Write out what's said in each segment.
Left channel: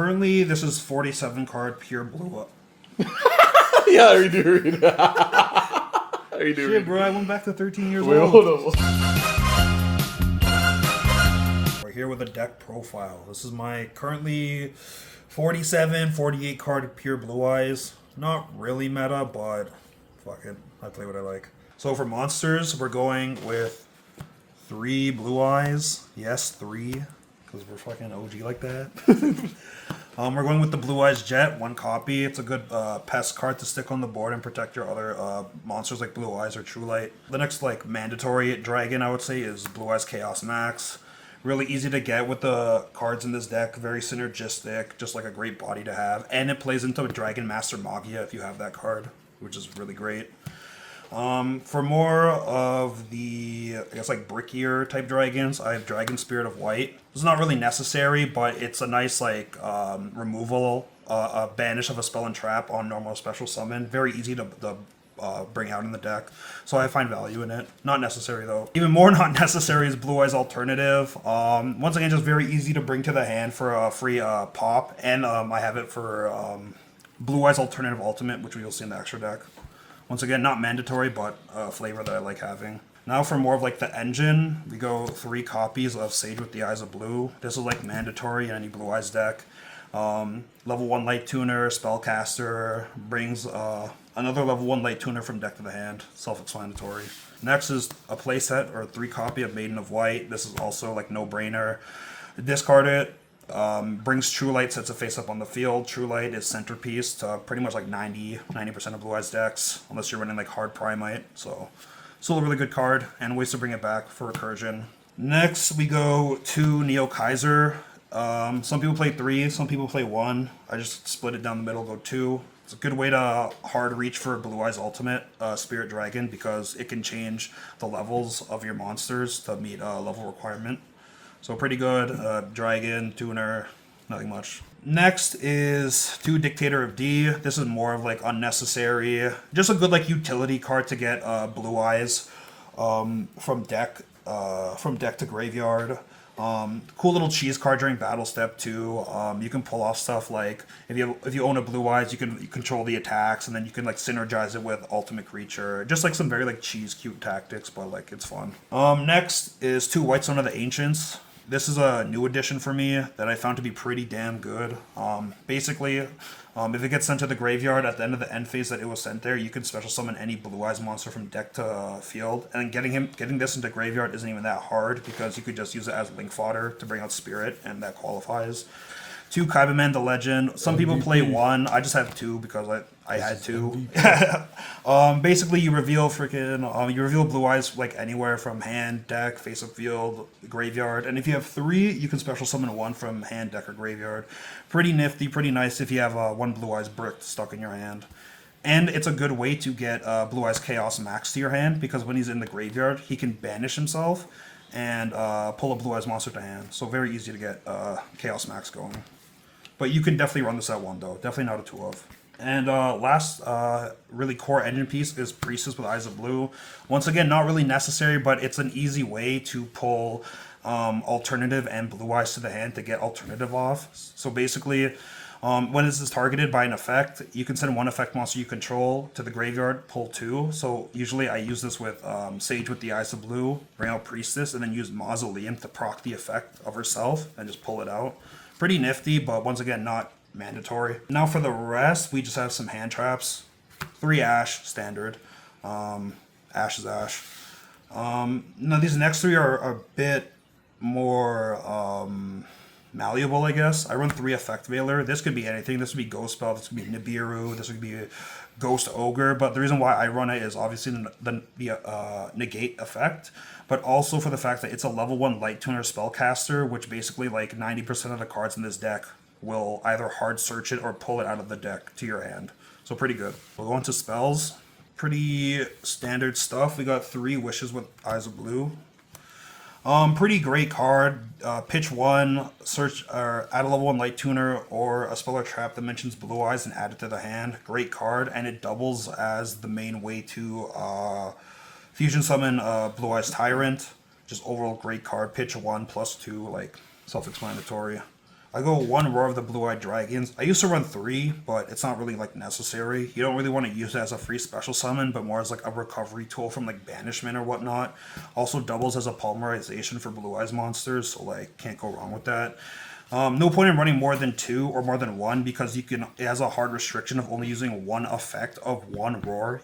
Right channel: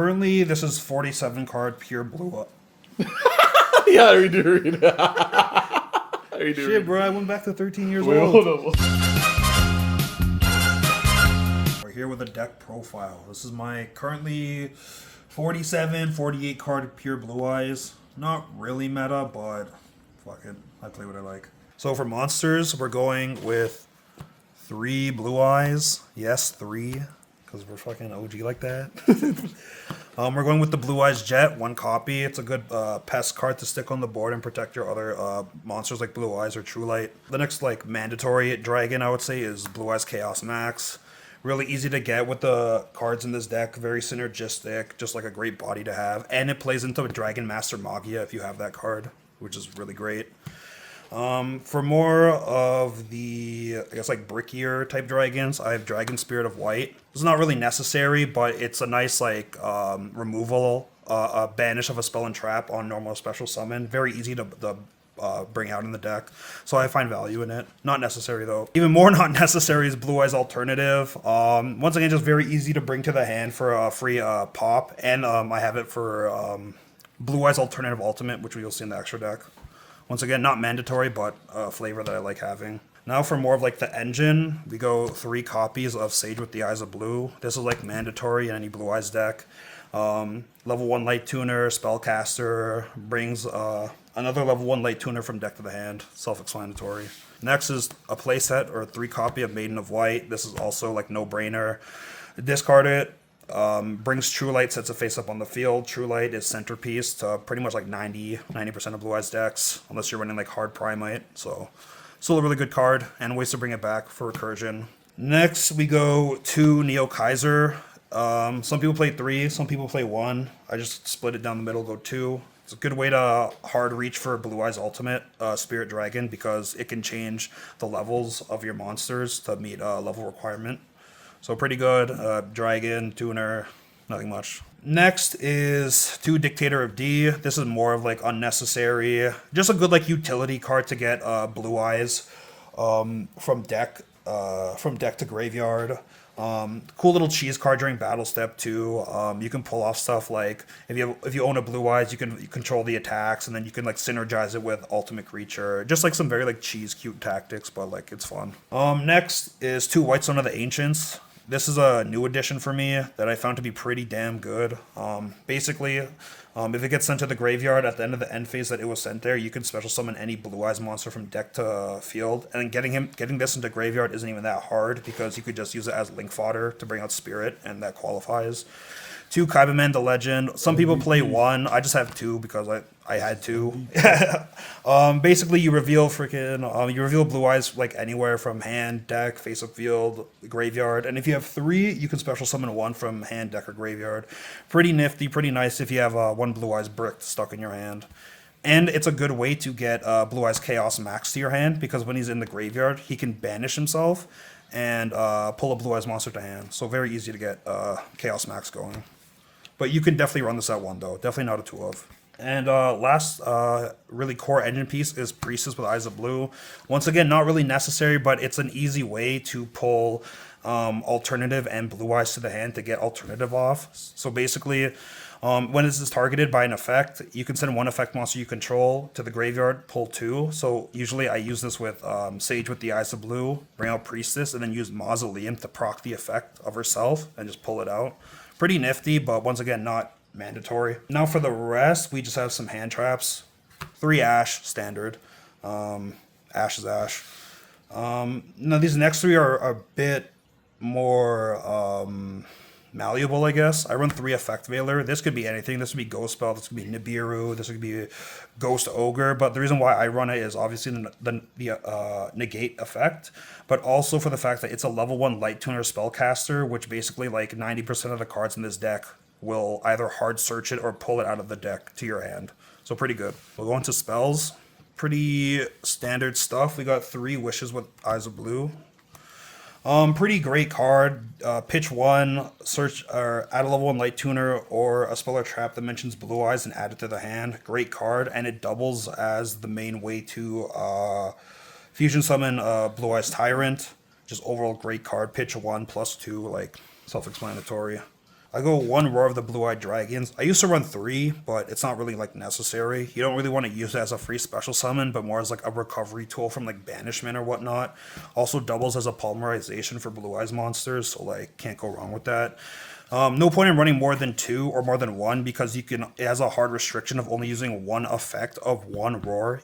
currently this is 47 card pure blue. Yeah, we do read it. Shit, bro, I went back to 13 years Wait, old. hold on. We're here with a deck profile. This is my currently 47, 48 card pure blue eyes. Not really meta, but fuck it. I play what I like. So for monsters, we're going with 3 blue eyes. Yes, 3. Because we're fucking OG like that. We're going with the Blue Eyes Jet, 1 copy. It's a good pest card to stick on the board and protect your other monsters like Blue Eyes or True Light. The next like mandatory dragon, I would say, is Blue Eyes Chaos Max. Really easy to get with the cards in this deck. Very synergistic, just like a great body to have. And it plays into Dragon Master Magia if you have that card, which is really great. For more of the, I guess, like brickier type dragons, I have Dragon Spirit of White. It's not really necessary, but it's a nice, like, removal, banish of a spell and trap on normal special summon. Very easy to bring out in the deck, so I find value in it. Not necessary, though. Even more not necessary is Blue Eyes Alternative. Once again, just very easy to bring to the hand for a free pop, and I have it for Blue Eyes Alternative Ultimate, which you'll see in the extra deck. Once again, not mandatory, but a flavor that I like having. Now for more of like the engine, we go 3 copies of Sage with the Eyes of Blue. This is like mandatory in any Blue Eyes deck. Level 1 Light Tuner, Spellcaster, brings another level 1 Light Tuner from deck to the hand. Self-explanatory. Next is a playset or 3 copy of Maiden of White. This is also like no-brainer. Discard it. Brings True Light, sets it face up on the field. True Light is centerpiece to pretty much like 90% of Blue Eyes decks, unless you're running like Hard Primite. So, still a really good card, and ways to bring it back for recursion. Next, we go to Neo Kaiser. Some people play 3, some people play 1. I just split it down the middle, go 2. It's a good way to hard reach for Blue Eyes Ultimate Spirit Dragon because it can change the levels of your monsters to meet a level requirement. So pretty good. Dragon, Tuner, nothing much. Next is 2 Dictator of D. This is more of like unnecessary. Just a good like utility card to get Blue Eyes from deck to graveyard. Cool little cheese card during battle step too. You can pull off stuff like if you own a Blue Eyes, you can control the attacks, and then you can like synergize it with Ultimate Creature. Just like some very like cheese cute tactics, but like it's fun. Next is 2 Whitestone of the Ancients. This is a new addition for me that I found to be pretty damn good. Basically, if it gets sent to the graveyard at the end of the end phase that it was sent there, you can special summon any Blue Eyes monster from deck to field. And getting this into graveyard isn't even that hard because you could just use it as link fodder to bring out Spirit, and that qualifies. 2 Kaibaman the Legend. Some people play 1. I just have 2 because I had to. Basically, you reveal Blue Eyes like anywhere from hand, deck, face up field, graveyard. And if you have 3, you can special summon 1 from hand, deck, or graveyard. Pretty nifty, pretty nice if you have 1 Blue Eyes brick stuck in your hand. And it's a good way to get Blue Eyes Chaos Max to your hand because when he's in the graveyard, he can banish himself and pull a Blue Eyes monster to hand. So very easy to get Chaos Max going. But you can definitely run this at 1 though. Definitely not a 2 of. And last really core engine piece is Priestess with Eyes of Blue. Once again, not really necessary, but it's an easy way to pull alternative and Blue Eyes to the hand to get alternative off. So basically, when this is targeted by an effect, you can send 1 effect monster you control to the graveyard, pull 2. So usually I use this with Sage with the Eyes of Blue, bring out Priestess, and then use Mausoleum to proc the effect of herself and just pull it out. Pretty nifty, but once again, not mandatory. Now for the rest, we just have some hand traps. 3 Ash, standard. Ash is Ash. Now these next 3 are a bit more malleable, I guess. I run 3 Effect Veiler. This could be anything. This could be Ghost Spell. This could be Nibiru. This could be Ghost Ogre. But the reason why I run it is obviously the negate effect, but also for the fact that it's a level 1 Light Tuner Spellcaster, which basically like 90% of the cards in this deck will either hard search it or pull it out of the deck to your hand. So pretty good. We'll go into spells. Pretty standard stuff. We got 3 Wishes with Eyes of Blue. Pretty great card. Pitch 1, search or add a level 1 Light Tuner or a spell or trap that mentions Blue Eyes and add it to the hand. Great card, and it doubles as the main way to fusion summon Blue Eyes Tyrant. Just overall great card. Pitch 1 plus 2, like self-explanatory. I go 1 Roar of the Blue-Eyed Dragons. I used to run 3, but it's not really like necessary. You don't really want to use it as a free special summon, but more as like a recovery tool from like banishment or whatnot. Also doubles as a polymerization for Blue Eyes monsters, so like can't go wrong with that. No point in running more than 2 or more than 1 because it has a hard restriction of only using 1 effect of 1 Roar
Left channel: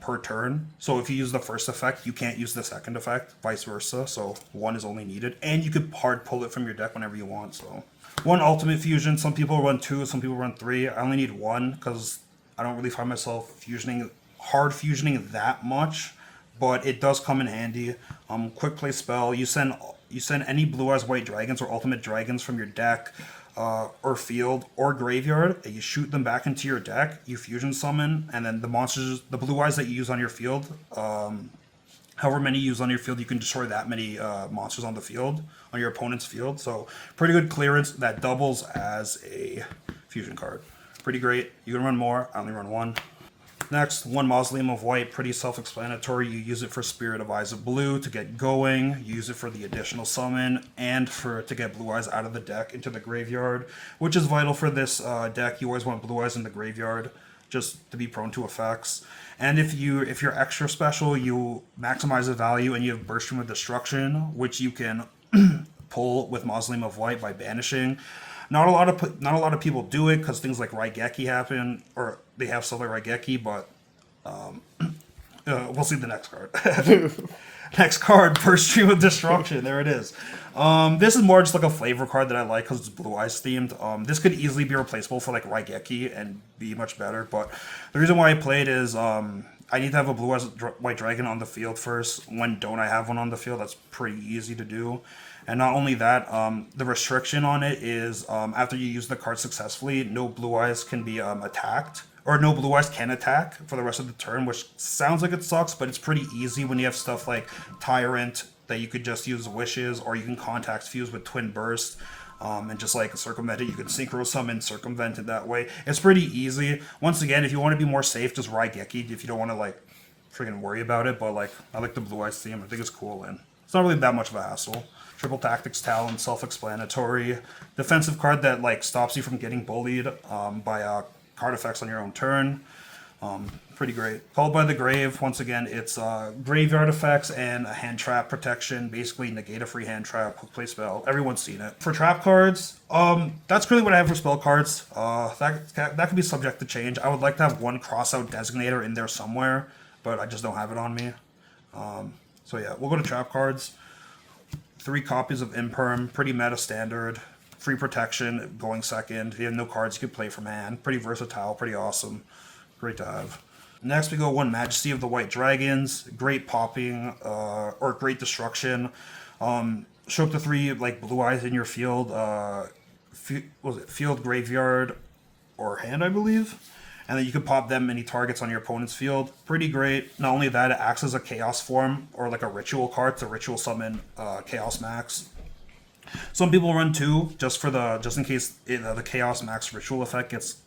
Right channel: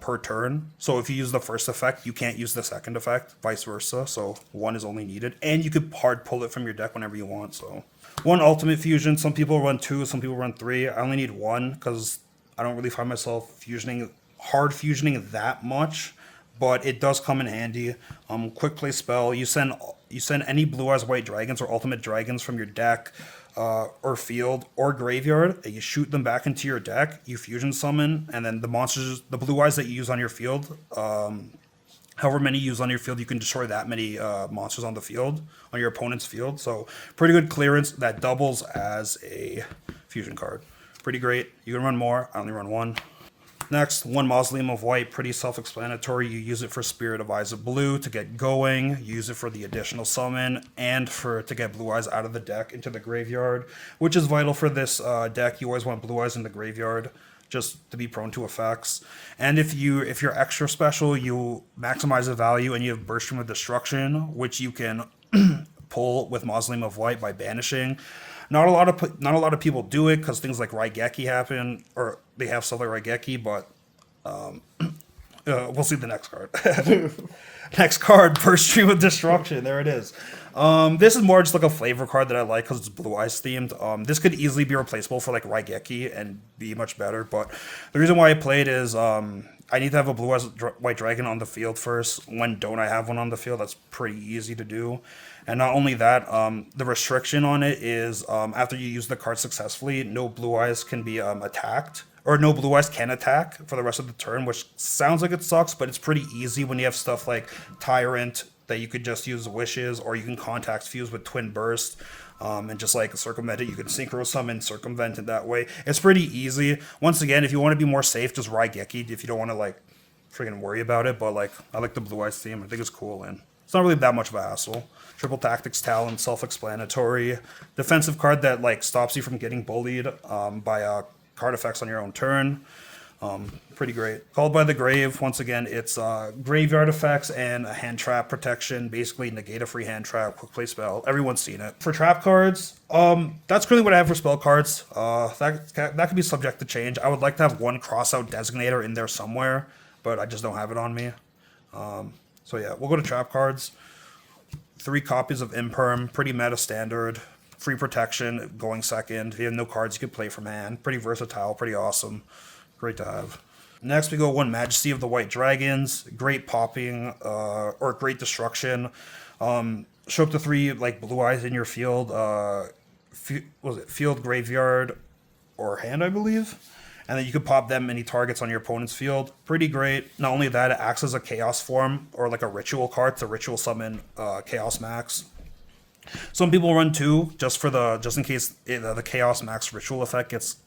per turn. So if you use the first effect, you can't use the second effect, vice versa. So 1 is only needed, and you could hard pull it from your deck whenever you want. So 1 ultimate fusion. Some people run 2, some people run 3. I only need 1 because I don't really find myself hard fusioning that much, but it does come in handy. Quick play spell. You send any Blue Eyes White Dragons or Ultimate Dragons from your deck or field or graveyard, and you shoot them back into your deck, you fusion summon, and then the monsters, the Blue Eyes that you use on your field, however many you use on your field, you can destroy that many monsters on the field, on your opponent's field. So pretty good clearance that doubles as a fusion card. Pretty great. You can run more. I only run 1. Next, 1 Mausoleum of White, pretty self-explanatory. You use it for Spirit of Eyes of Blue to get going. You use it for the additional summon and to get Blue Eyes out of the deck into the graveyard, which is vital for this deck. You always want Blue Eyes in the graveyard just to be prone to effects. And if you're extra special, you maximize the value and you have Burst Stream of Destruction, which you can pull with Mausoleum of White by banishing. Not a lot of people do it because things like Raigeki happen, or they have stuff like Raigeki, but we'll see the next card. Next card, Burst Stream of Destruction. There it is. This is more just like a flavor card that I like because it's Blue Eyes themed. This could easily be replaceable for like Raigeki and be much better, but the reason why I played is I need to have a Blue Eyes White Dragon on the field first. When don't I have one on the field? That's pretty easy to do. And not only that, the restriction on it is after you use the card successfully, no Blue Eyes can be attacked, or no Blue Eyes can attack for the rest of the turn, which sounds like it sucks, but it's pretty easy when you have stuff like Tyrant that you could just use Wishes, or you can Contact Fuse with Twin Burst and just like circumvent it. You can Synchro Summon, circumvent it that way. It's pretty easy. Once again, if you want to be more safe, just Raigeki if you don't want to like freaking worry about it, but like I like the Blue Eyes theme. I think it's cool, and it's not really that much of a hassle. Triple Tactics Talon, self-explanatory. Defensive card that like stops you from getting bullied by card effects on your own turn. Pretty great. Called by the Grave. Once again, it's graveyard effects and a hand trap protection. Basically, negate a free hand trap, quick play spell. Everyone's seen it. For trap cards, that's currently what I have for spell cards. That could be subject to change. I would like to have 1 crossout designator in there somewhere, but I just don't have it on me. So yeah, we'll go to trap cards. 3 copies of Imperm, pretty meta standard. Free protection, going second. If you have no cards, you can play from hand. Pretty versatile, pretty awesome. Great to have. Next, we go 1 Majesty of the White Dragons. Great popping, or great destruction. Show up to 3 like Blue Eyes in your field. Field, graveyard, or hand, I believe. And then you can pop them any targets on your opponent's field. Pretty great. Not only that, it acts as a Chaos form or like a ritual card to ritual summon Chaos Max. Some people run 2 just in case the Chaos Max ritual effect gets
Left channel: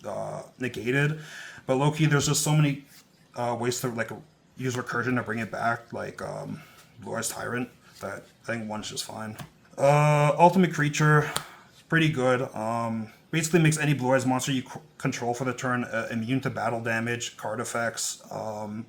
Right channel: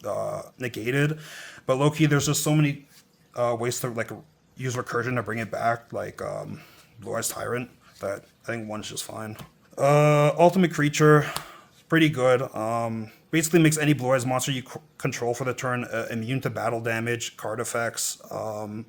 negated. But low-key, there's just so many ways to like use recursion to bring it back, like Blue Eyes Tyrant, that I think 1's just fine. Ultimate Creature, pretty good. Basically makes any Blue Eyes monster you control for the turn immune to battle damage, card effects, and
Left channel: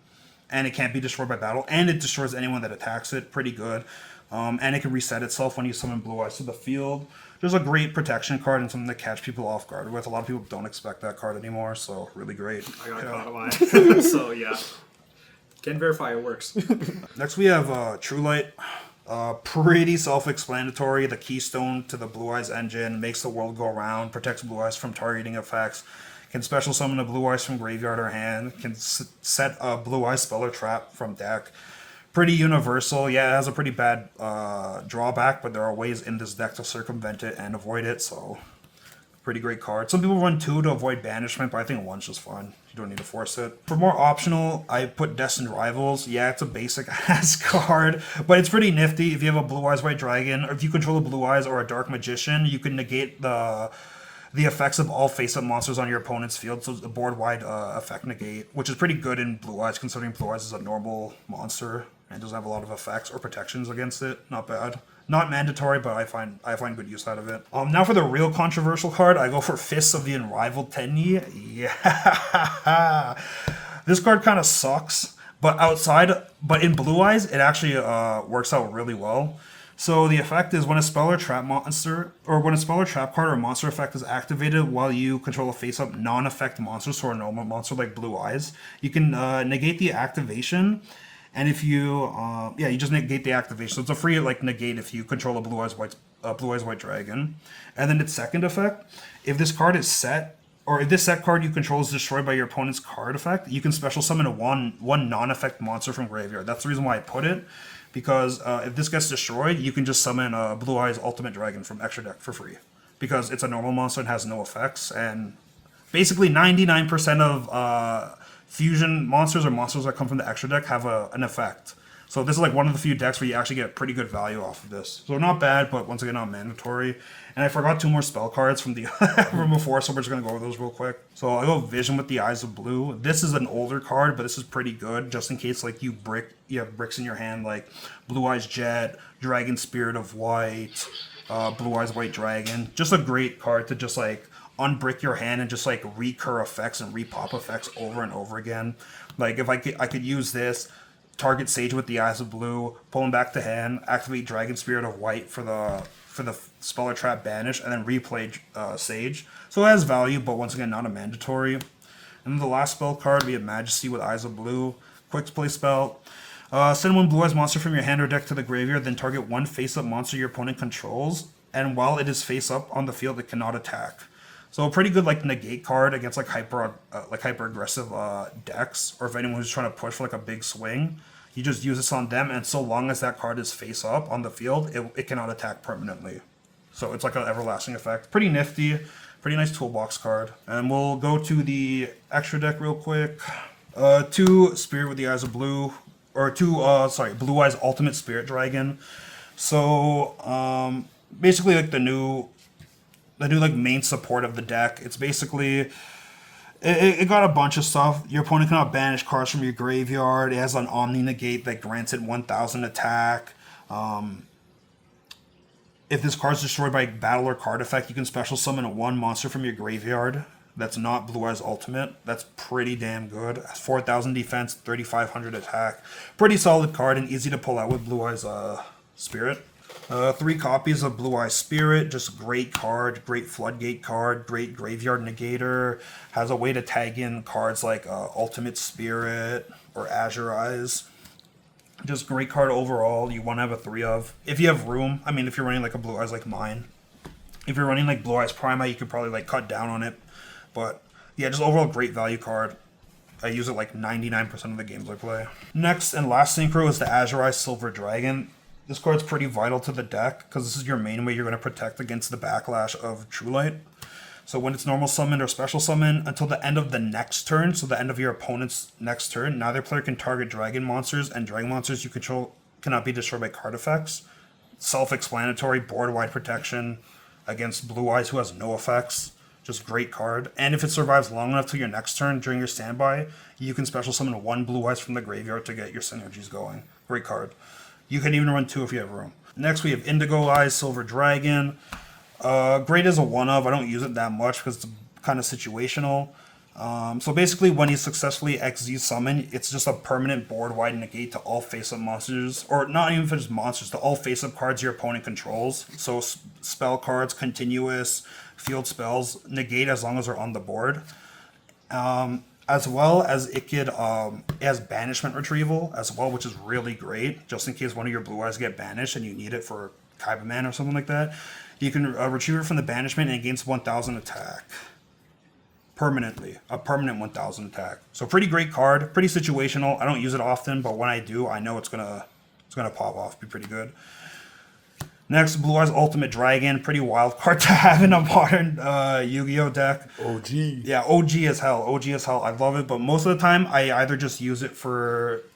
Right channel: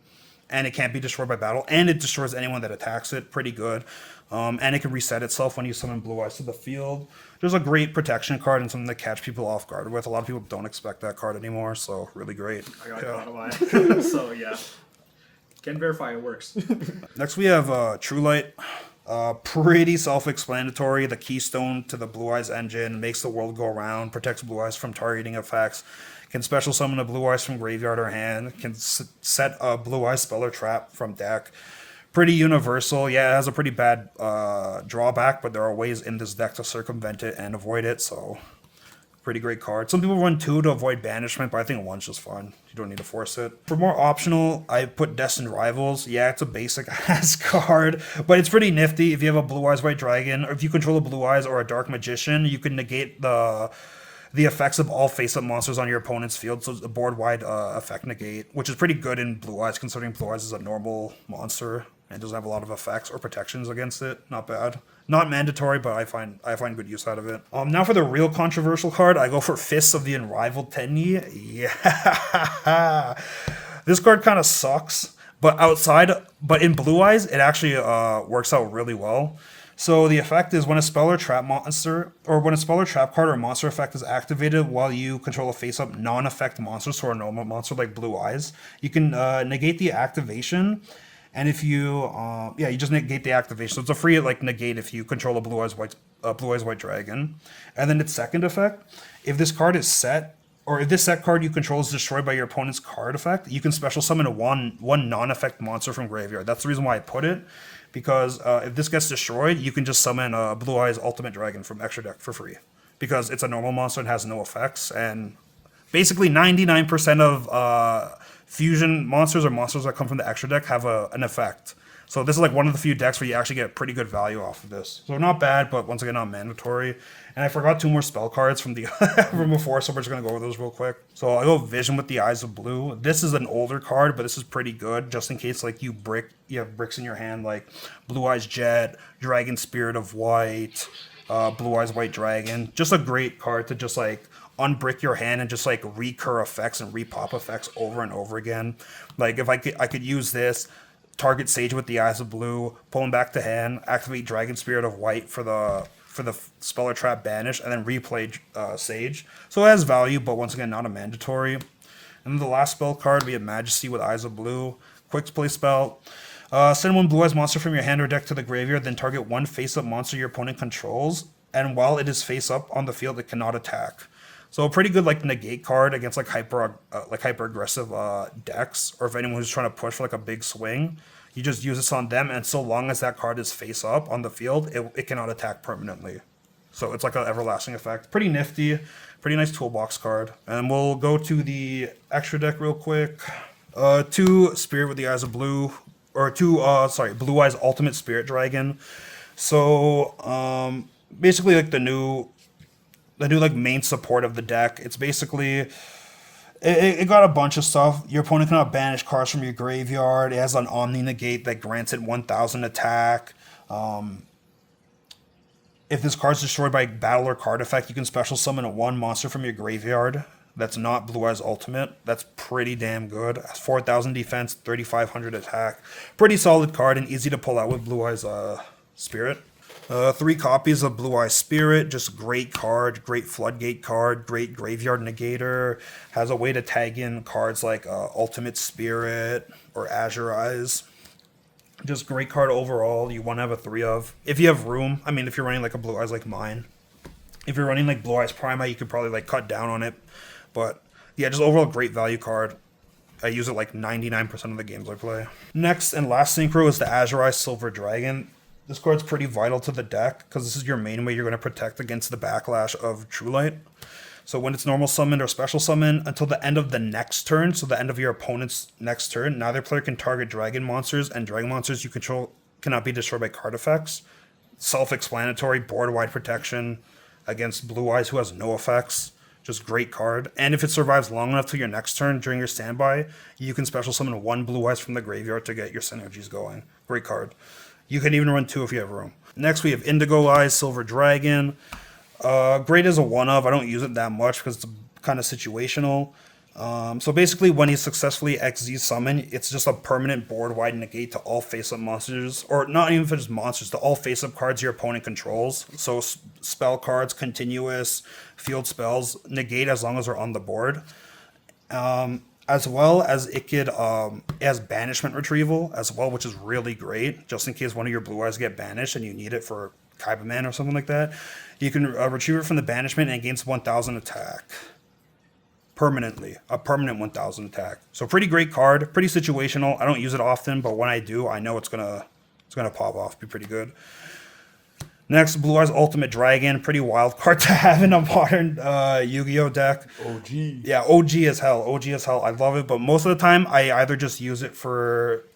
it can't be destroyed by battle, and it destroys anyone that attacks it. Pretty good. And it can reset itself when you summon Blue Eyes to the field. There's a great protection card and something to catch people off guard with. A lot of people don't expect that card anymore, so really great. I got caught alive. So yeah, can verify it works. Next we have True Light. Pretty self-explanatory. The keystone to the Blue Eyes engine, makes the world go around, protects Blue Eyes from targeting effects, can special summon a Blue Eyes from graveyard or hand, can set a Blue Eyes spell or trap from deck. Pretty universal. Yeah, it has a pretty bad drawback, but there are ways in this deck to circumvent it and avoid it, so pretty great card. Some people run 2 to avoid banishment, but I think 1's just fine. You don't need to force it. For more optional, I put Destined Rivals. Yeah, it's a basic ass card, but it's pretty nifty. If you have a Blue Eyes White Dragon, or if you control a Blue Eyes or a Dark Magician, you can negate the effects of all face-up monsters on your opponent's field, so it's a board-wide effect negate, which is pretty good in Blue Eyes, considering Blue Eyes is a normal monster and doesn't have a lot of effects or protections against it. Not bad. Not mandatory, but I find good use out of it. Now for the real controversial card, I go for Fists of the Unrivaled Tenyi. Yeah, this card kind of sucks, but in Blue Eyes, it actually works out really well. So the effect is when a spell or trap monster, or when a spell or trap card or monster effect is activated while you control a face-up non-effect monster, so a normal monster like Blue Eyes, you can negate the activation. And if you, you just negate the activation. So it's a free negate if you control a Blue Eyes White Dragon. And then its second effect, if this card is set, or if this set card you control is destroyed by your opponent's card effect, you can special summon a one non-effect monster from graveyard. That's the reason why I put it, because if this gets destroyed, you can just summon a Blue Eyes Ultimate Dragon from extra deck for free, because it's a normal monster and has no effects. And basically 99% of fusion monsters or monsters that come from the extra deck have an effect. So this is one of the few decks where you actually get pretty good value off of this. So not bad, but once again not mandatory. And I forgot 2 more spell cards from the from before, so we're just gonna go over those real quick. So I go Vision with the Eyes of Blue. This is an older card, but this is pretty good, just in case you have bricks in your hand like Blue Eyes Jet, Dragon Spirit of White, Blue Eyes White Dragon. Just a great card to just unbrick your hand and just recur effects and repop effects over and over again. If I could use this, target Sage with the Eyes of Blue, pull him back to hand, activate Dragon Spirit of White for the spell or trap banish, and then replay Sage. So it has value, but once again not a mandatory. And then the last spell card, we have Majesty with Eyes of Blue, quick play spell. Send 1 Blue Eyes monster from your hand or deck to the graveyard, then target 1 face-up monster your opponent controls, and while it is face-up on the field, it cannot attack. So a pretty good negate card against hyper aggressive decks, or if anyone who's trying to push for a big swing, you just use this on them, and so long as that card is face up on the field, it cannot attack permanently. So it's an everlasting effect. Pretty nifty, pretty nice toolbox card. And we'll go to the extra deck real quick. 2 Spirit with the Eyes of Blue, or 2 Blue Eyes Ultimate Spirit Dragon. So basically the new main support of the deck. It's basically it got a bunch of stuff. Your opponent cannot banish cards from your graveyard. It has an Omni Negate that grants it 1000 attack. If this card is destroyed by battle or card effect, you can special summon a 1 monster from your graveyard that's not Blue Eyes Ultimate. That's pretty damn good. 4000 defense, 3500 attack. Pretty solid card and easy to pull out with Blue Eyes Spirit. 3 copies of Blue Eye Spirit, just great card, great floodgate card, great graveyard negator. Has a way to tag in cards like Ultimate Spirit or Azure Eyes. Just great card overall. You want to have a 3 of. If you have room, I mean, if you're running a Blue Eyes like mine. If you're running Blue Eyes Prima, you could probably cut down on it. But yeah, just overall great value card. I use it 99% of the games I play. Next and last synchro is the Azure Eyes Silver Dragon. This card's pretty vital to the deck, because this is your main way you're going to protect against the backlash of True Light. So when it's normal summon or special summon, until the end of the next turn, so the end of your opponent's next turn, neither player can target dragon monsters, and dragon monsters you control cannot be destroyed by card effects. Self-explanatory, board-wide protection against Blue Eyes, who has no effects. Just great card. And if it survives long enough till your next turn during your standby, you can special summon 1 Blue Eyes from the graveyard to get your synergies going. Great card. You can even run 2 if you have room. Next, we have Indigo Eyes Silver Dragon. Great as a 1-of. I don't use it that much because it's kind of situational. So basically, when you successfully XZ summon, it's just a permanent board-wide negate to all face-up monsters, or not even just monsters, to all face-up cards your opponent controls. So spell cards, continuous, field spells, negate as long as they're on the board. As well as it has banishment retrieval as well, which is really great, just in case one of your Blue Eyes get banished and you need it for Kaibaman or something like that. You can retrieve it from the banishment and it gains 1000 attack. Permanently. A permanent 1000 attack. So pretty great card, pretty situational. I don't use it often, but when I do, I know it's gonna pop off, be pretty good. Next, Blue Eyes Ultimate Dragon. Pretty wild card to have in a modern Yu-Gi-Oh deck. OG. Yeah, OG as hell. OG as hell. I love it, but most of the time, I either just use it for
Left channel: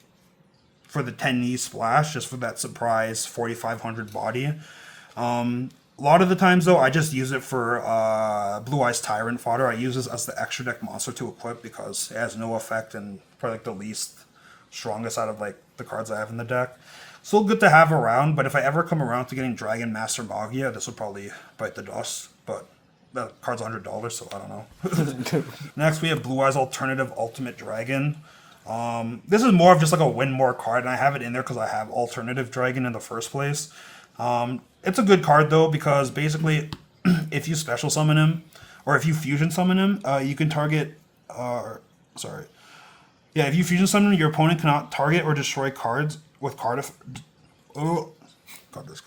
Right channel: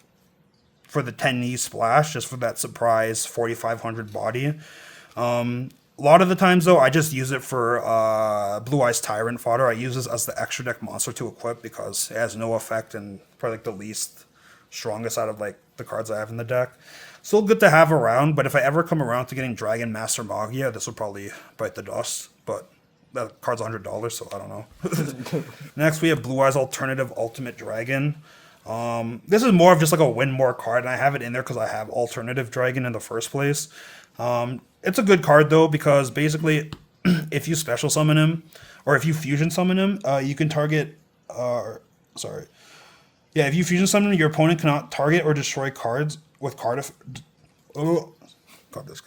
the 10 splash, just for that surprise 4500 body. A lot of the times, though, I just use it for Blue Eyes Tyrant fodder. I use this as the extra deck monster to equip because it has no effect and probably the least strongest out of like the cards I have in the deck. Still good to have around, but if I ever come around to getting Dragon Master Magia, this would probably bite the dust. But that card's $100, so I don't know. Next, we have Blue Eyes Alternative Ultimate Dragon. This is more of just like a win more card, and I have it in there because I have Alternative Dragon in the first place. It's a good card though, because basically, if you special summon him, or if you fusion summon him, you can target. If you fusion summon him, your opponent cannot target or destroy cards with card. Got this.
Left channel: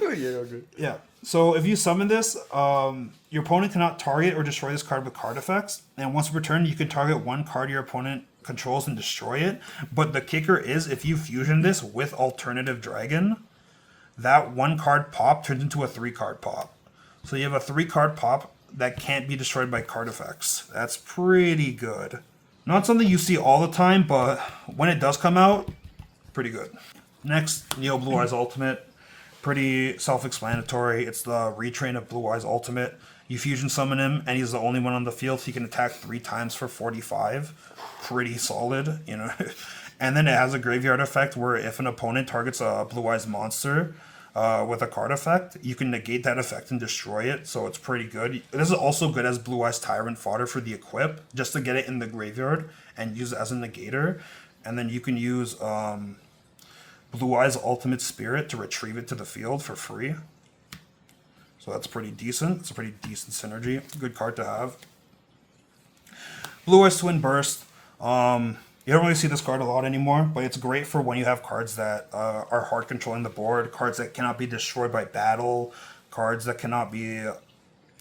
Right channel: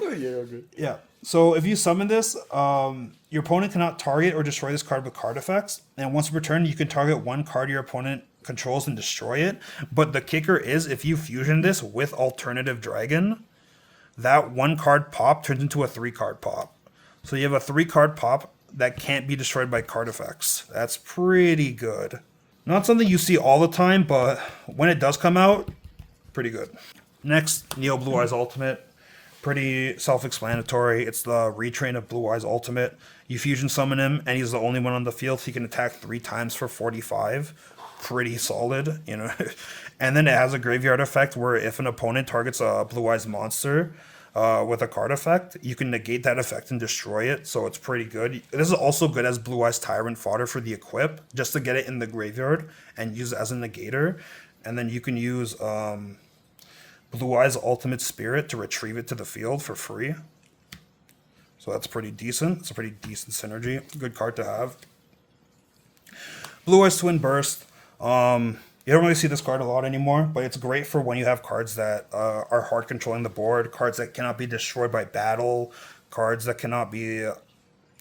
Yeah, good. Yeah. So if you summon this, your opponent cannot target or destroy this card with card effects. And once per turn, you can target one card your opponent controls and destroy it. But the kicker is, if you fusion this with Alternative Dragon, that one card pop turns into a 3-card pop. So you have a 3-card pop that can't be destroyed by card effects. That's pretty good. Not something you see all the time, but when it does come out, pretty good. Next, Neo Blue Eyes Ultimate. Pretty self-explanatory. It's the retrain of Blue Eyes Ultimate. You fusion summon him, and he's the only one on the field. So he can attack 3 times for 45. Pretty solid, you know. And then it has a graveyard effect where if an opponent targets a Blue Eyes monster with a card effect, you can negate that effect and destroy it. So it's pretty good. This is also good as Blue Eyes Tyrant fodder for the equip, just to get it in the graveyard and use it as a negator. And then you can use Blue Eyes Ultimate Spirit to retrieve it to the field for free. So that's pretty decent. It's a pretty decent synergy. Good card to have. Blue Eyes Twin Burst. You don't really see this card a lot anymore, but it's great for when you have cards that are hard controlling the board, cards that cannot be destroyed by battle, cards that cannot be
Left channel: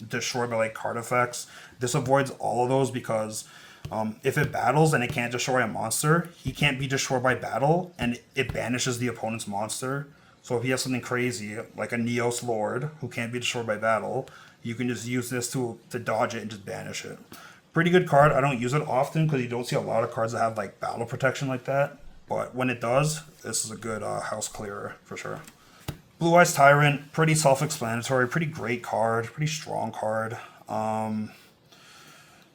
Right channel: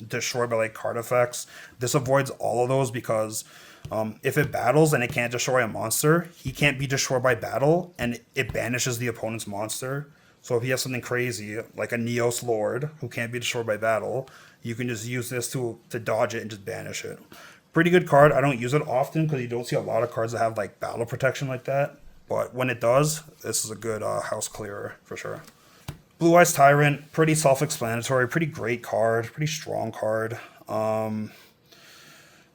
destroyed by like card effects. This avoids all of those because if it battles and it can't destroy a monster, he can't be destroyed by battle, and it banishes the opponent's monster. So if he has something crazy, like a Neos Lord, who can't be destroyed by battle, you can just use this to dodge it and just banish it. Pretty good card. I don't use it often because you don't see a lot of cards that have like battle protection like that. But when it does, this is a good house clearer for sure. Blue Eyes Tyrant, pretty self-explanatory, pretty great card, pretty strong card.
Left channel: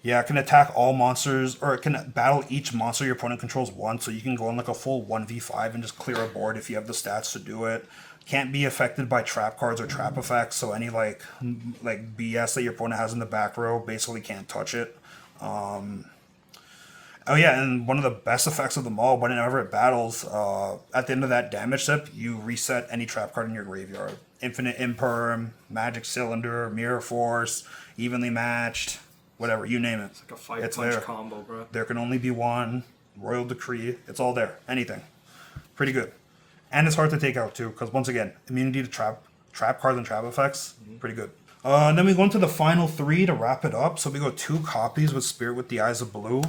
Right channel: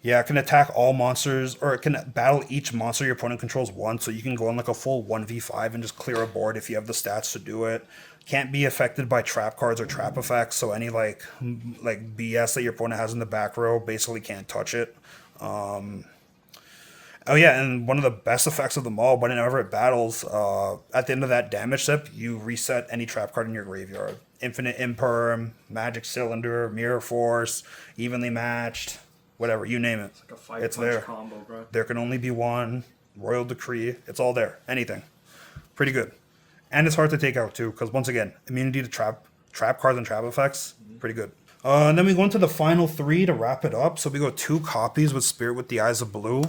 Yeah, it can attack all monsters, or it can battle each monster your opponent controls once, so you can go on like a full 1v5 and just clear a board if you have the stats to do it. Can't be affected by trap cards or trap effects, so any like BS that your opponent has in the back row basically can't touch it. Oh yeah, and one of the best effects of them all, whenever it battles, at the end of that damage step, you reset any trap card in your graveyard. Infinite Imperm, Magic Cylinder, Mirror Force, Evenly Matched, whatever, you name it. It's like a 5-punch combo, bro. There can only be one. Royal Decree, it's all there. Anything. Pretty good. And it's hard to take out too, because once again, immunity to trap cards and trap effects, pretty good. And then we go into the final 3 to wrap it up. So we go 2 copies with Spirit with the Eyes of Blue.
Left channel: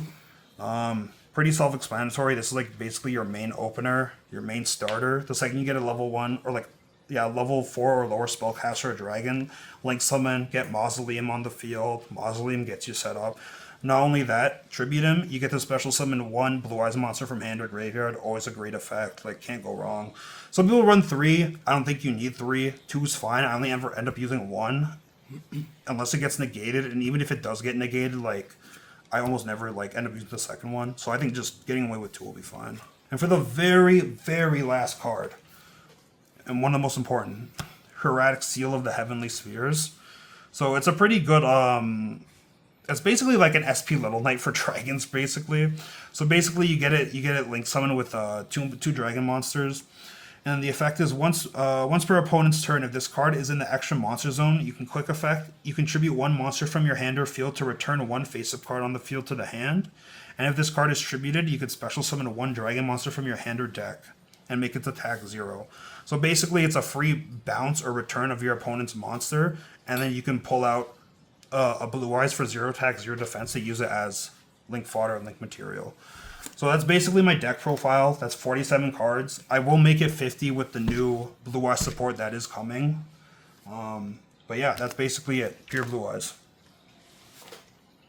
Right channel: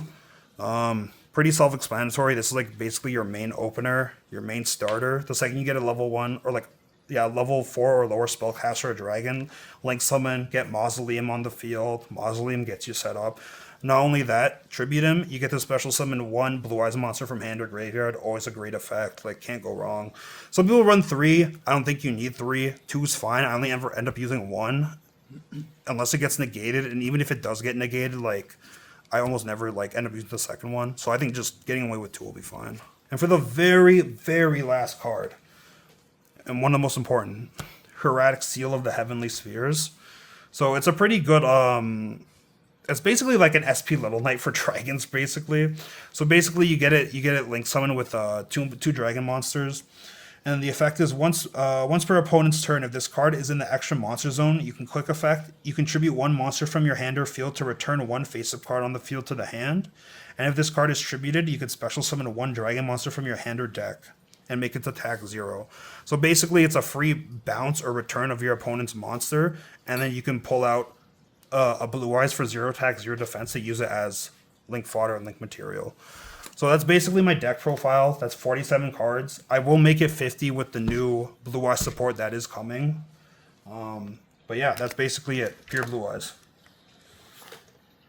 Pretty self-explanatory. This is like basically your main opener, your main starter. The second you get a level 1 or level 4 or lower spellcaster or dragon, Link Summon, get Mausoleum on the field. Mausoleum gets you set up. Not only that, tribute him, you get to special summon 1 Blue Eyes monster from hand or graveyard. Always a great effect. Like, can't go wrong. Some people run 3. I don't think you need 3. 2's fine. I only ever end up using 1. Unless it gets negated. And even if it does get negated, like, I almost never like end up using the second one. So I think just getting away with 2 will be fine. And for the very, very last card, and one of the most important, Hieratic Seal of the Heavenly Spheres. So it's a pretty good... It's basically like an SP level knight for dragons, basically. So basically, you get it Link Summon with two dragon monsters, and the effect is once per opponent's turn, if this card is in the extra monster zone, you can quick effect. You contribute 1 monster from your hand or field to return 1 face-up card on the field to the hand, and if this card is tributed, you can special summon 1 dragon monster from your hand or deck and make its attack 0. So basically, it's a free bounce or return of your opponent's monster, and then you can pull out a Blue Eyes for 0 attack, 0 defense to use it as Link fodder and Link material. So that's basically my deck profile. That's 47 cards. I will make it 50 with the new Blue Eyes support that is coming. But yeah, that's basically it. Pure Blue Eyes.